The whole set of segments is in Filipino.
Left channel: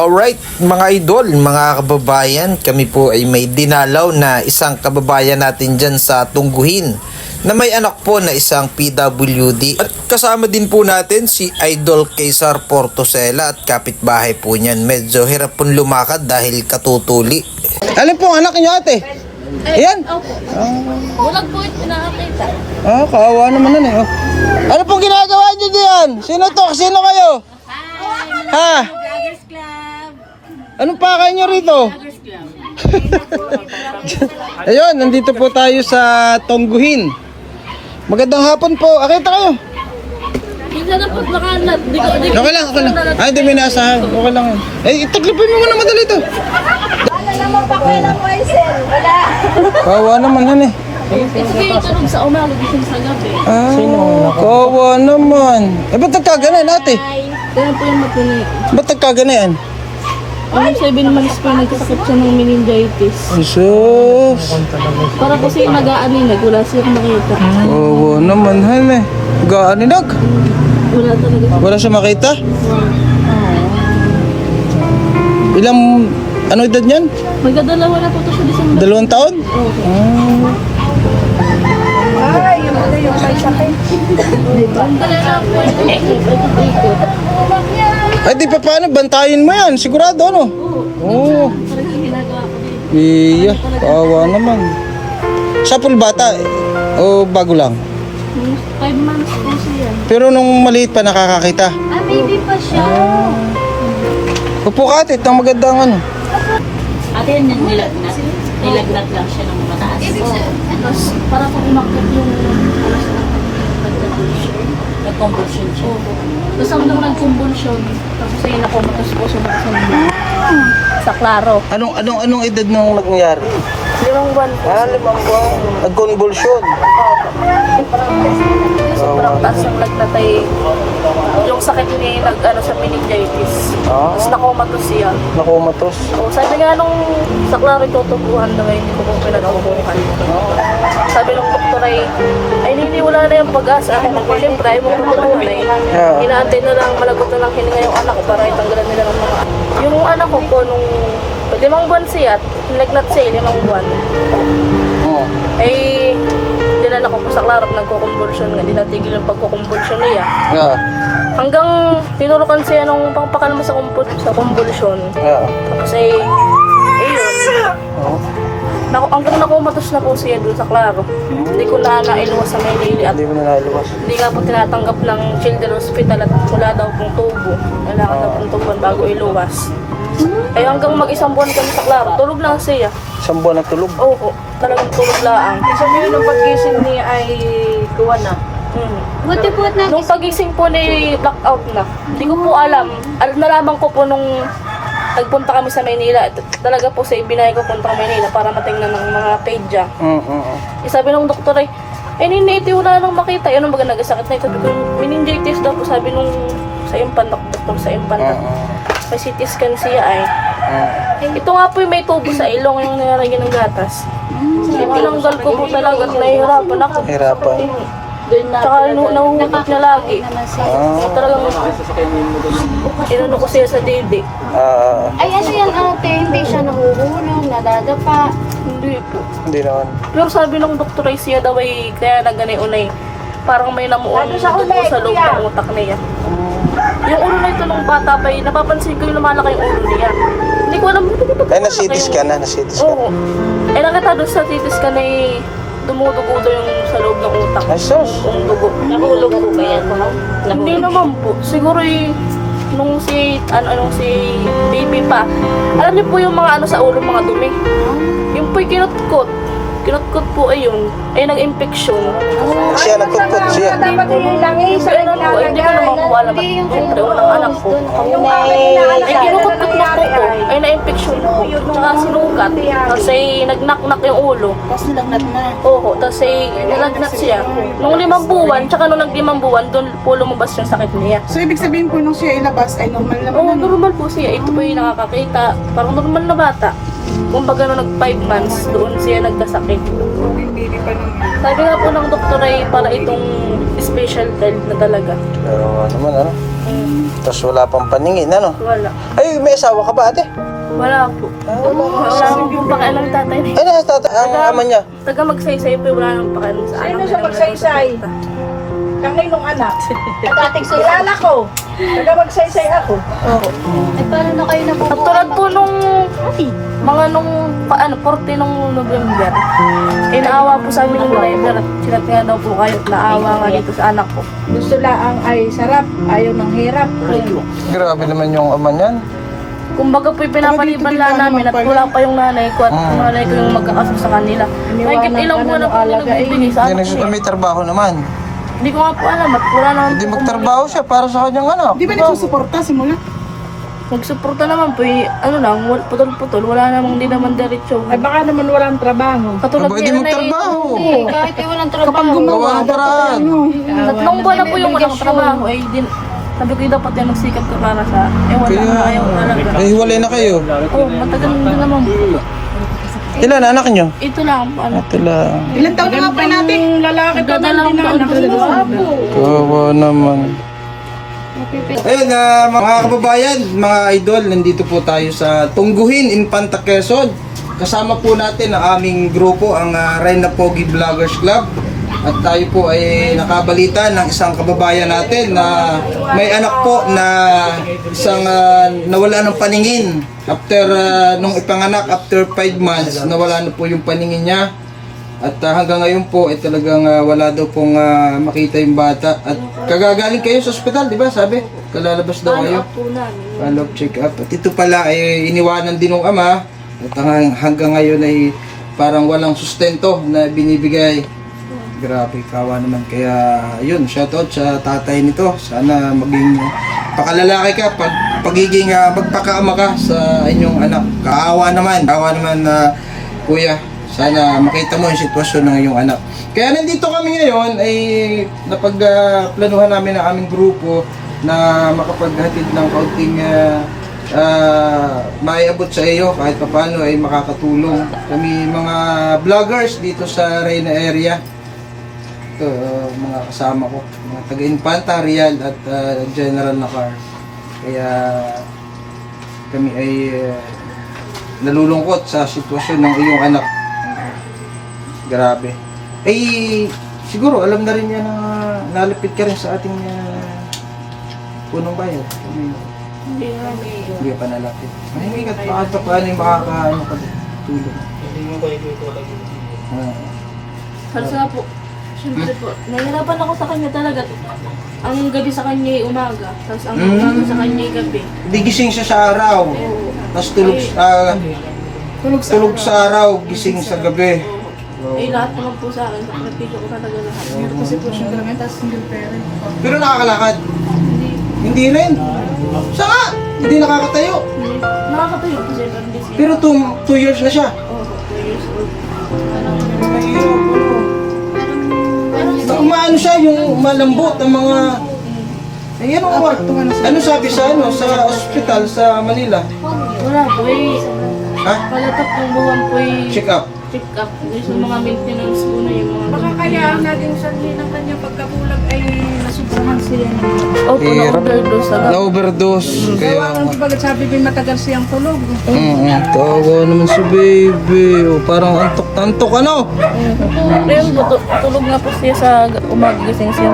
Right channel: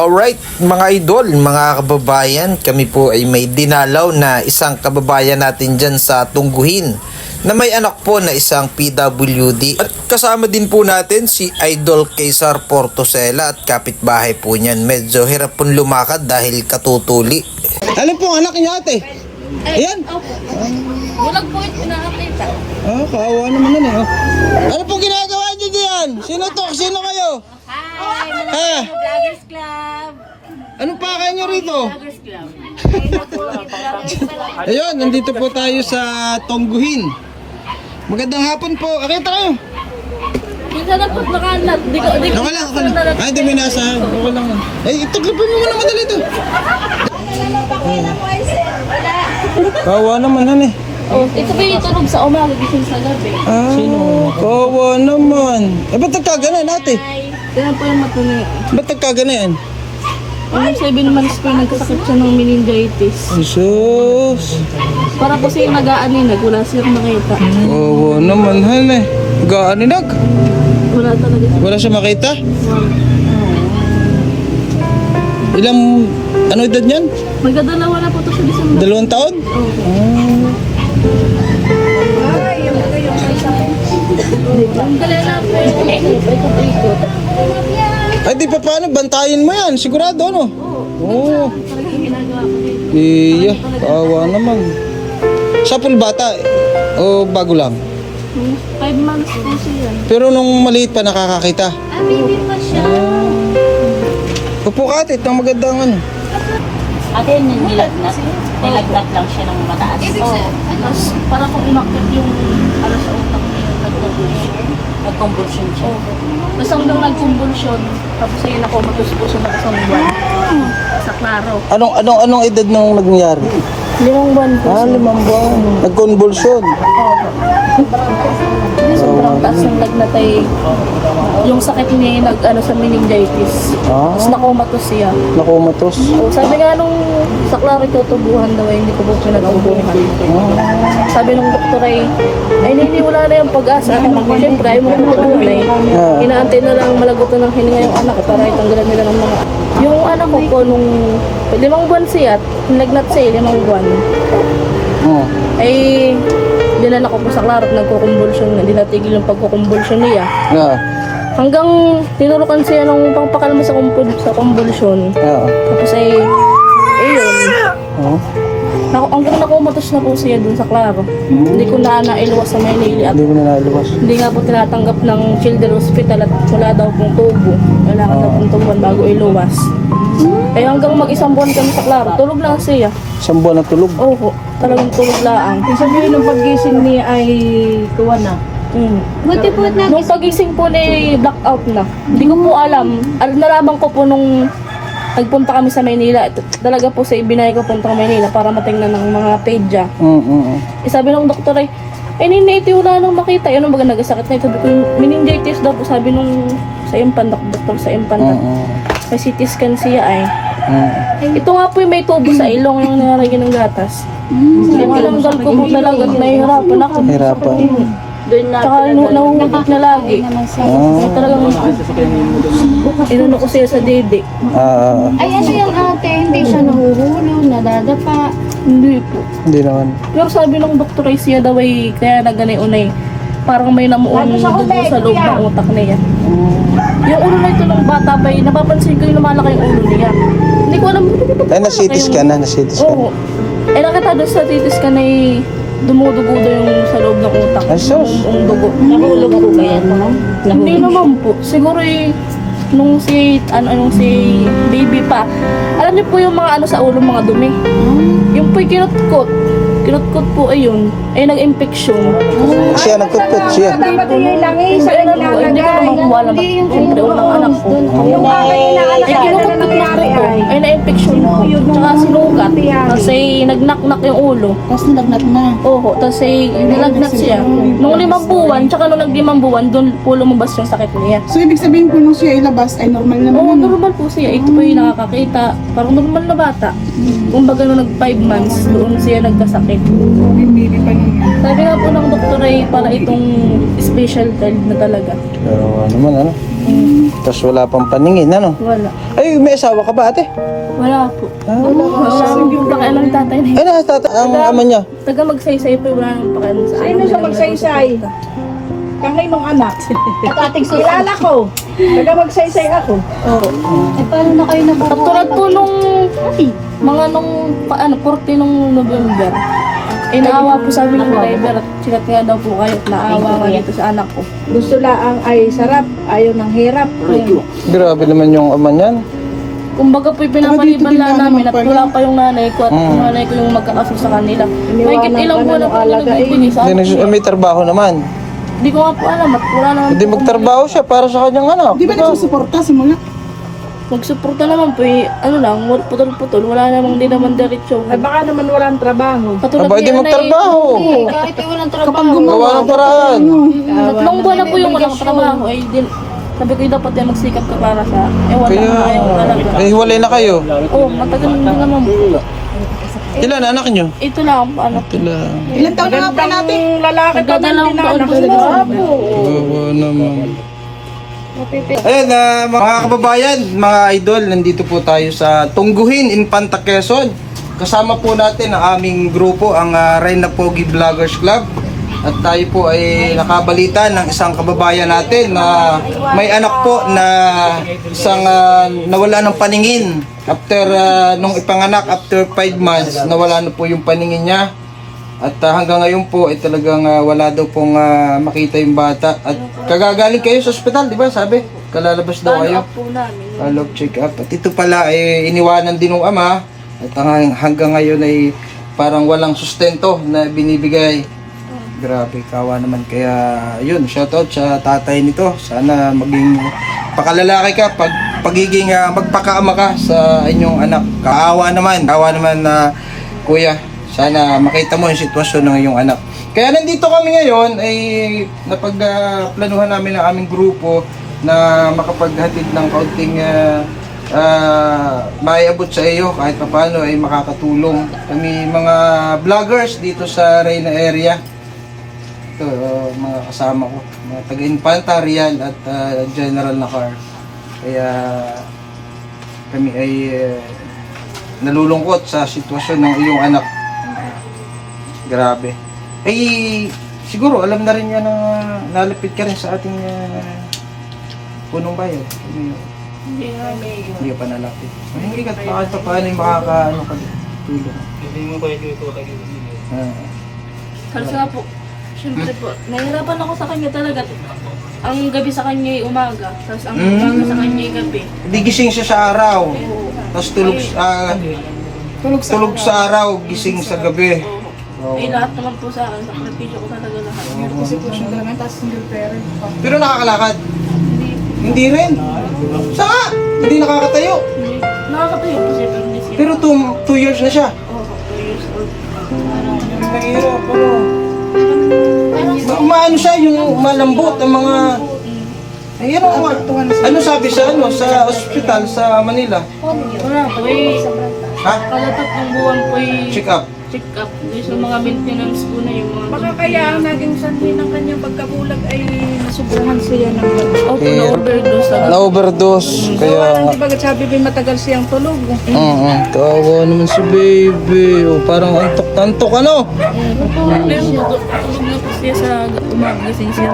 Alright mga idol, mga kababayan, kami po ay may dinalaw na isang kababayan natin dyan sa Tungguhin na may anak po na isang PWD. At kasama din po natin si Idol Cesar Portosela at kapitbahay po niyan. Medyo hirap pong lumakad dahil katutuli. Alin pong anak niyo ate? Ayan. Walang po ito nakakita. Kaawa naman nun eh. Oh. Ano pong ginagawa niyo diyan? Sino to? Sino kayo? Hi! Ha? Vloggers Club! Anong pakay niyo rito? Vloggers Club. Ayun, nandito po tayo sa Tungguhin. Magandang hapon po. Akita kayo. Minsan na po nakalat. Okay lang, okay lang. Ay, hindi may nasa. Okay lang. Eh, itaglipin mo muna madali to. Wala naman pa kayo ng Moisen. Wala. Kawawa naman yan eh. Ito ba yung tunog sa umaga gising sa gabi? Kawawa naman. Eh, ba't nagkaganan ate? Kaya po yung matuni. Ba't nagkaganan? Ang 7 months po nagkasakit siya ng meningitis. Sus. Para po siya nag-aaninag. Wala siyang makita. Kawawa naman han eh. Gaaninag. Wala talaga. Wala siya makita? Ilang, ano edad niyan? Magdadalawa na po ito sa December. 2 taon? Ay, yung mga yung sakit. Ang dali na po yung ikot. Ay, di pa paano, bantayin mo yan, sigurado ano? Oo. Talagang ginagawa ko dito. Iya, kawawa naman. Sa pulbata, o bago lang? 5 months po siya. Pero nung maliit pa nakakakita. Baby pa siya. Upo ka ate, itong magandang ano. Ate yun yung nilagnat. Nilagnat lang siya ng mataas. Tapos para kung umakit yung alas utak niya, nag-convulsion siya. Tapos hanggang nag-convulsion, tapos ayun nakomatos po siya ng isang buwan. Sa Claro. Anong edad nung nangyari? 5 buwan po. 5 buwan. Nag-convulsion. Sobrang taas yung lagnat ay yung sakit niya nag-ano sa meningitis. Tapos nakomatos siya. Nakumatos. Sabi nga nung sa Claro tutubuhan daw, hindi ko po pinatubuhan. Sabi nung doktor ay hindi wala na yung pag-asa. Siyempre ay mo tutubuhan ay inaantay na lang malagot na ng hininga yung anak ko para itanggalan nila ng mga. Yung anak ko po nung 5 buwan siya at nilagnat siya 5 buwan. Ay nilanak ko po sa Claro at nagkukumbulsyon. Hindi natigil yung pagkukumbulsyon niya. Hanggang tinurukan siya nung pagpakalma sa kumbulsyon. Tapos ay, hanggang nakumatos na po siya dun sa Claro. Hindi ko na nailuwas sa Maynila at Hindi ko na nailabas. hindi nga po tinatanggap ng Children's Hospital at wala daw pong tubo. Kailangan daw pong tubuan bago iluwas. Kaya hanggang mag-1 buwan kami sa Claro, tulog lang siya. 1 buwan na tulog. Oo, talagang tulog lang. Sabihin ng pag-gising niya ay kuha na. Buti po na. Nung pagising po ni blackout na. Hindi ko po alam. Nalaman ko po nung nagpunta kami sa Maynila. Talaga po sa ibinay ko punta Maynila para matingnan ng mga pedya. Sabi ng doktor ay, hindi wala nang makita. Ano baga nagasakit na ito? Meningitis daw po sabi nung sa impan, doktor sa impan na. May CT scan siya ay. Ito nga po yung may tubo sa ilong yung nilalagyan ng gatas. Tinanggal ko po talaga at nahihirapan ako. Hirapan. Tsaka nanguhugot niya lagi. Talagang inano ko siya sa dede. Ay, ano yan, ate? Hindi siya namumulong, nadadapa. Hindi po. Hindi naman. Pero sabi ng doktor ay siya daw ay kaya nagganiun ay parang may namuong dugo sa loob ng utak niya. Yung ulo na ito nung bata pa ay napapansin ko yung lumalaki yung ulo niya. Hindi ko alam. Ay, na-CT scan na, na-CT scan. Oo. Ay nakita doon sa CT scan ay dumudugo daw yung sa loob ng utak. Yung dugo. Nahulog po ba yan, ma'am? Hindi naman po. Siguro eh, nung si baby pa. Alam niyo po yung mga ano sa ulo, mga dumi. Yung po'y kinutkot. Kinutkot po ayun. Ay nag-infeksyon. Siya, nagkutkot siya. Dapat hilangin sa Ano po, hindi ko naman po alam. Siyempre, unang anak ko. Ay kinukutkot na po ko. Ay na-infeksyon po. Tsaka sinugat. Tapos ay nag-knock-knock yung ulo. Tapos nagnat na. Oo, tapos ay nilagnat siya. Nung 5 buwan, tsaka nung nag-5 buwan, doon po lumabas yung sakit niya. So, ibig sabihin po nung siya ilabas ay normal naman Oo, ano? normal po siya. Ito po yung nakakakita. Parang normal na bata. Kumbaga nung nag 5 months, doon siya nagkasakit. Sabi nga po ng doktor ay para itong special child na talaga. Pero ano naman, ano? Tapos wala pang paningin, ano? Wala. Ay, may asawa ka ba, ate? Wala po. Wala akong pakialam yung tatay na Eh, ang ama niya. taga magsaysay po, wala nang pakialam sa alam. Sino sa magsaysay? Kami mong anak. At ating kilala ko. Taga magsaysay ako. Paano na kayo nung Katulad po nung mga nung 40 nung November. Inaawa po sa amin ng driver at silat nga daw po kayo at naawa nga dito sa anak ko. Gusto lang ay sarap. Ayaw ng hirap. Grabe naman yung ama niyan. Kumbaga po pinapaliban lang namin at wala pa yung nanay ko at yung nanay ko yung magkakaso sa kanila. Mahigit ilang buwan na po hindi nagbibigay sa Hindi akin. may trabaho naman. Hindi ko nga po alam at wala na. Hindi magtrabaho siya para sa kanyang anak. Di ba nagsusuporta simula? Nagsuporta naman po ano lang, putol-putol, wala namang di naman diretso. Ay baka naman walang trabaho. Katulad Aba, ni hindi nanay, magtrabaho. kahit ay walang trabaho? Kapag gumawa. Gawa ng paraan. tatlong buwan na po yung walang trabaho ay din. Sabi ko dapat yung magsikap ka para sa wala Kaya, na ayaw talaga. hiwalay na kayo. Oo, matagal na naman po. Ilan anak niyo? Ito lang po ano. Ito lang. Ilan taon na pa natin? Lalaki pa na Dadalawang din taon anak po. mo. Kawawa naman. Ayun, mga kababayan, mga idol, nandito po tayo sa Tungguhin, Infanta, Quezon. Kasama po natin ang aming grupo, ang Reyna Pogi Vloggers Club. At tayo po ay nakabalita ng isang kababayan natin na may anak po na isang nawala ng paningin. After nung ipanganak, after 5 months, nawala na po yung paningin niya. At hanggang ngayon po ay talagang wala daw pong makita yung bata. At kagagaling kayo sa ospital, di ba? Sabi, kalalabas daw kayo. Po namin. Follow-up check-up. At ito pala ay iniwanan din ng ama. At hanggang ngayon ay parang walang sustento na binibigay. Grabe, kawa naman. Kaya yun, shoutout sa tatay nito. Sana maging pakalalaki ka pagiging magpakaama ka sa inyong anak. Kaawa naman na kuya. Sana makita mo yung sitwasyon ng iyong anak. Kaya nandito kami ngayon ay napagplanuhan namin ang aming grupo na makapaghatid ng kaunting maiabot sa iyo kahit paano ay makakatulong. Kami mga vloggers dito sa Reyna area. Ito, mga kasama ko, mga taga-Infanta, Real at General na car. Kaya kami ay nalulungkot sa sitwasyon ng iyong anak. Grabe. Eh, siguro alam na rin niya na nalapit ka rin sa ating punong bayan. Hindi nga may Hindi ka pa nalapit. Ay, hindi ka pa paano yung makakaano ka tulong. Kasi nga po, syempre po, nahihirapan ako sa kanya talaga. Ang gabi sa kanya ay umaga, tapos ang umaga sa kanya ay gabi. Hindi gising siya sa araw. Tapos tulog sa araw, gising sa gabi. Eh lahat naman po sa akin, sakripisyo ko talaga lahat. Kasi po siya talaga, tapos single parent pa. Pero nakakalakad. Hindi, Hindi rin. Saka, hindi nakakatayo. hindi. Nakakatayo po siya, pero hindi siya. Pero 2 years na siya. Oo, 2 years old. Mahirap, Umaano siya, yung malambot, ang mga... Eh, ano sabi sa ospital sa Manila? Wala po eh. Ha? Kalatat ng buwan po eh. Check up. Check up. Yung mga maintenance po na yung mga... Baka kaya ang naging sanhi ng kanyang pagkabulag ay nasubrahan siya ng gamot. Opo, na-overdose agad. Na-overdose. Kaya nga. Di ba sabi ba matagal siyang tulog? Tawa naman si baby. Oh, parang antok-antok ano? Pero tulog na po siya sa umagising siya.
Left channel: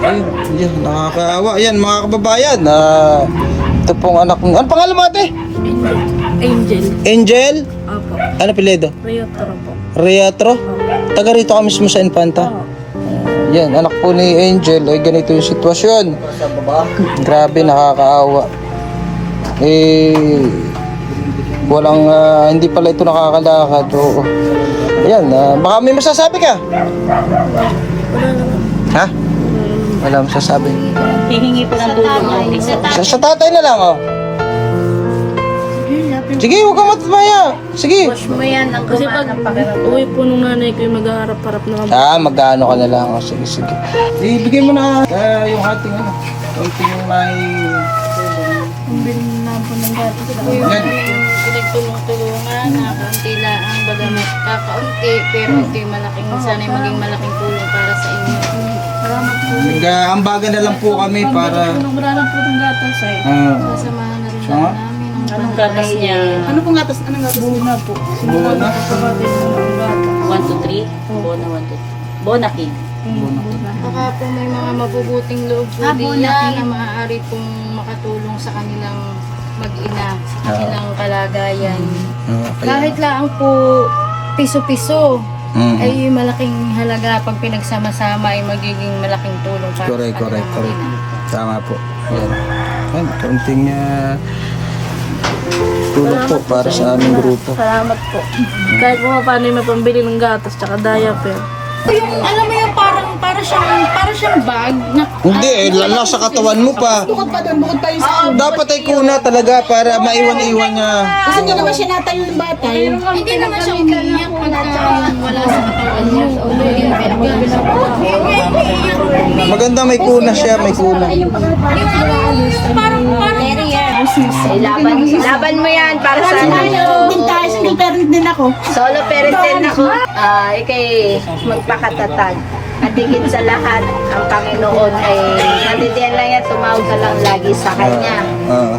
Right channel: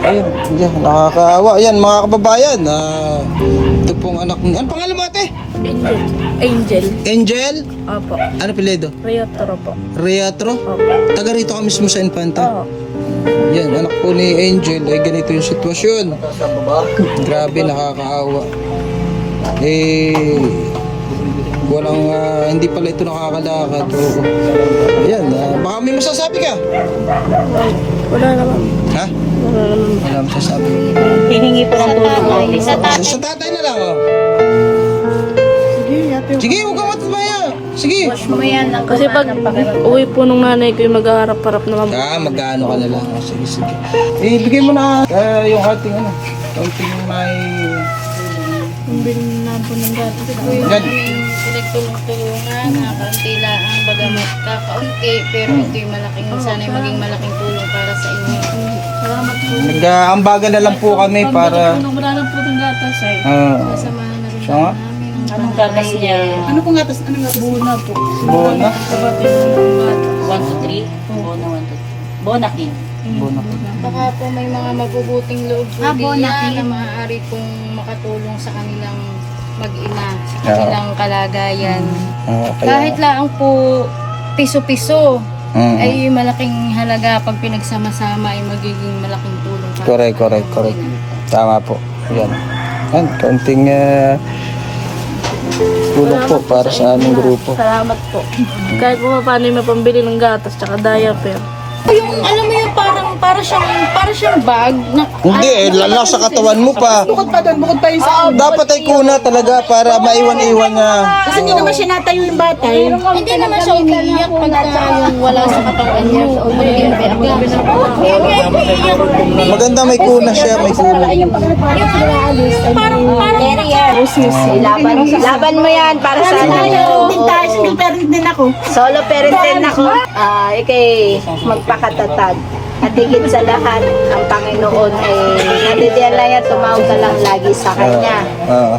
Ay, ayun, yan, nakakaawa. Yan, mga kababayan. Ito pong anak mo. Ano pangalan mo ate? Angel. Angel? Opo. Ano piledo? Rayotro po. Reatro? Opo. Taga rito ka mismo sa Infanta? Yan, anak po ni Angel. Ay ganito yung sitwasyon. Grabe, nakakaawa. Eh, walang, hindi pala ito nakakalakad. Oo. Yan, baka may masasabi ka? Wala naman. Ha? Wala masasabi. Hihingi pa ng tulong. Sa tatay na lang, oh. Sige, huwag kang matmaya. Sige. Push mo yan ang Kasi pag uwi po nung nanay ko yung maghaharap-harap naman. Magkano ka na lang. Oh, sige, sige. Ibigay mo na yung ating kaunting may Pambili na po ng gatas. Ito po yung Yan. pinagtulong-tulungan na kaunti lang bagamat kakaunti pero ito yung malaking sana'y maging malaking tulong para sa inyo. Salamat po. Nag-aambagan na lang po kami para Wala lang po ng gatas ay. Kasamahan na rin Siya nga? namin ang Anong gatas niya? Ano pong gatas? Anong gatas? Buna po. buwan na. Kapatid mo ng gatas. 1 to 3? Bona 1 to 3. Bona King. baka po may mga mabubuting loob po diyan na maaari pong makatulong sa kanilang mag-ina, sa kanilang kalagayan. Kahit lang po piso-piso ay malaking halaga pag pinagsama-sama ay magiging malaking tulong para Correct, sa correct, kanila. correct. Tama po. Yan. Yan, kaunting tulong po para sa aming grupo. Salamat po. Kahit po paano yung mapambili ng gatas tsaka diaper. Yung, alam mo yung para siyang bag na Hindi, lala sa katawan mo pa. Bukod pa doon, bukod pa yung sa Dapat ay kuna talaga para maiwan-iwan niya. Kasi hindi naman siya natayo ng bata. hindi naman siya umiiyak pagka yung wala sa katawan niya. Maganda may kuna siya, may kuna. Parang Laban mo yan para sa ano. Tayo, single parent din ako. Solo parent din ako. Ikay magpakatatag. At higit sa lahat, ang Panginoon ay nandiyan lang yan, tumawag ka lang lagi sa Kanya.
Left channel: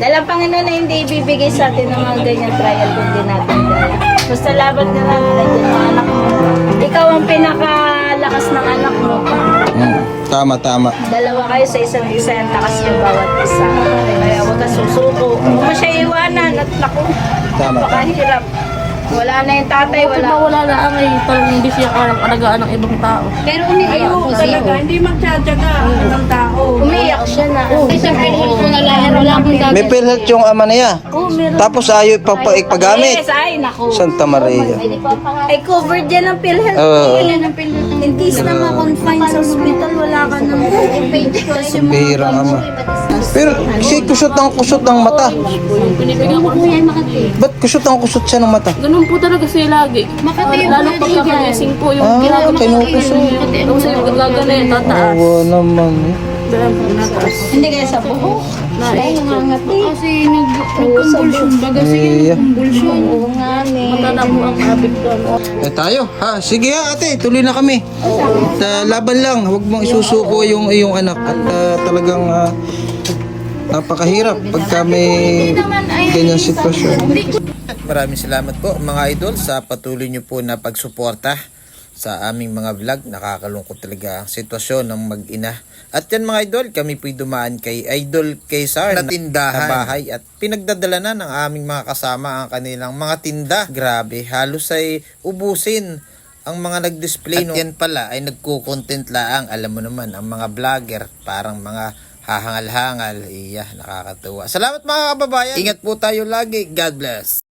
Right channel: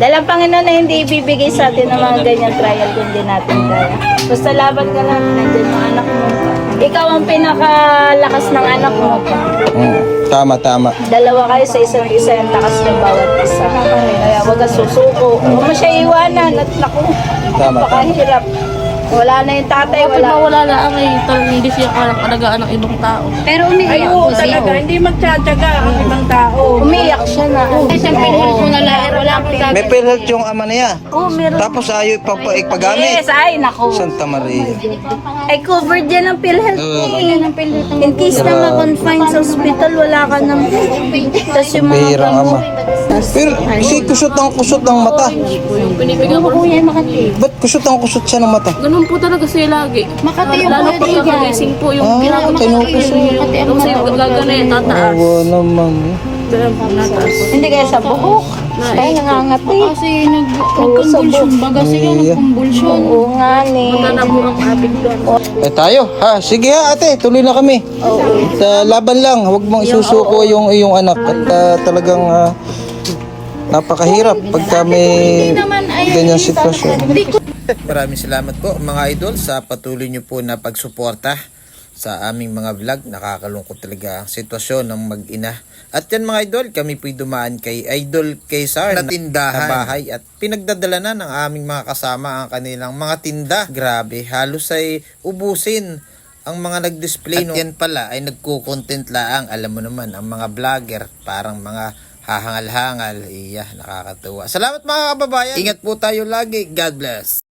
Dahil ang Panginoon ay hindi ibibigay sa atin ng mga ganyan trial kung di natin kaya. Basta laban ka lang, nandiyan ang anak mo. Ikaw ang pinakalakas ng anak mo. Tama, tama. Dalawa kayo sa isa't isa, ang lakas ng bawat isa. Kaya huwag ka susuko. Huwag mo siya iwanan at naku, Tama, tama. pakahirap. Wala na yung tatay, Kapag wala. mawala na ang ay talagang hindi siya kayang alagaan ng ibang tao. pero umiiyak po siya. Hindi magtsatsaga ang ibang tao. Umiyak siya na. Siyempre ko na lang lang po May pinhit yung ama niya. Tapos ayaw ipagpagamit. Ay, naku. Santa Maria. Ay, covered yan ang PhilHealth. Oo. In case na ma-confine sa hospital, wala ka nang tapos yung mga Bihirang ama. Pero si kusot ng mata. Yung pinibigyan ko Ba't kusot siya ng mata? ganun po talaga siya lagi. Lalo pagkakagising po yung ginagawa kinukusot. Tapos yung gagana tataas. Awa naman eh. Ganun po nataas. hindi kaya sa buhok. Ay, nangangati. Kasi nag-convulsion baga Iya. Oo nga ni. Matanda po ang maabig doon. Eh tayo, ha? Sige ha ate, tuloy na kami. At laban lang, huwag mong isusuko yung iyong anak. At talagang napakahirap pagka may ganyang sitwasyon. Maraming salamat po mga idol sa patuloy nyo po na pagsuporta sa aming mga vlog. Nakakalungkot talaga ang sitwasyon ng mag-ina. At yan mga idol, kami po'y dumaan kay Idol Kaysar na tindahan sa bahay at pinagdadala na ng aming mga kasama ang kanilang mga tinda. Grabe, halos ay ubusin ang mga nag-display. At yan pala ay nagko-content laang. Alam mo naman, ang mga vlogger parang mga hahangal-hangal. Iya, nakakatuwa. Salamat mga kababayan. Ingat po tayo lagi. God bless.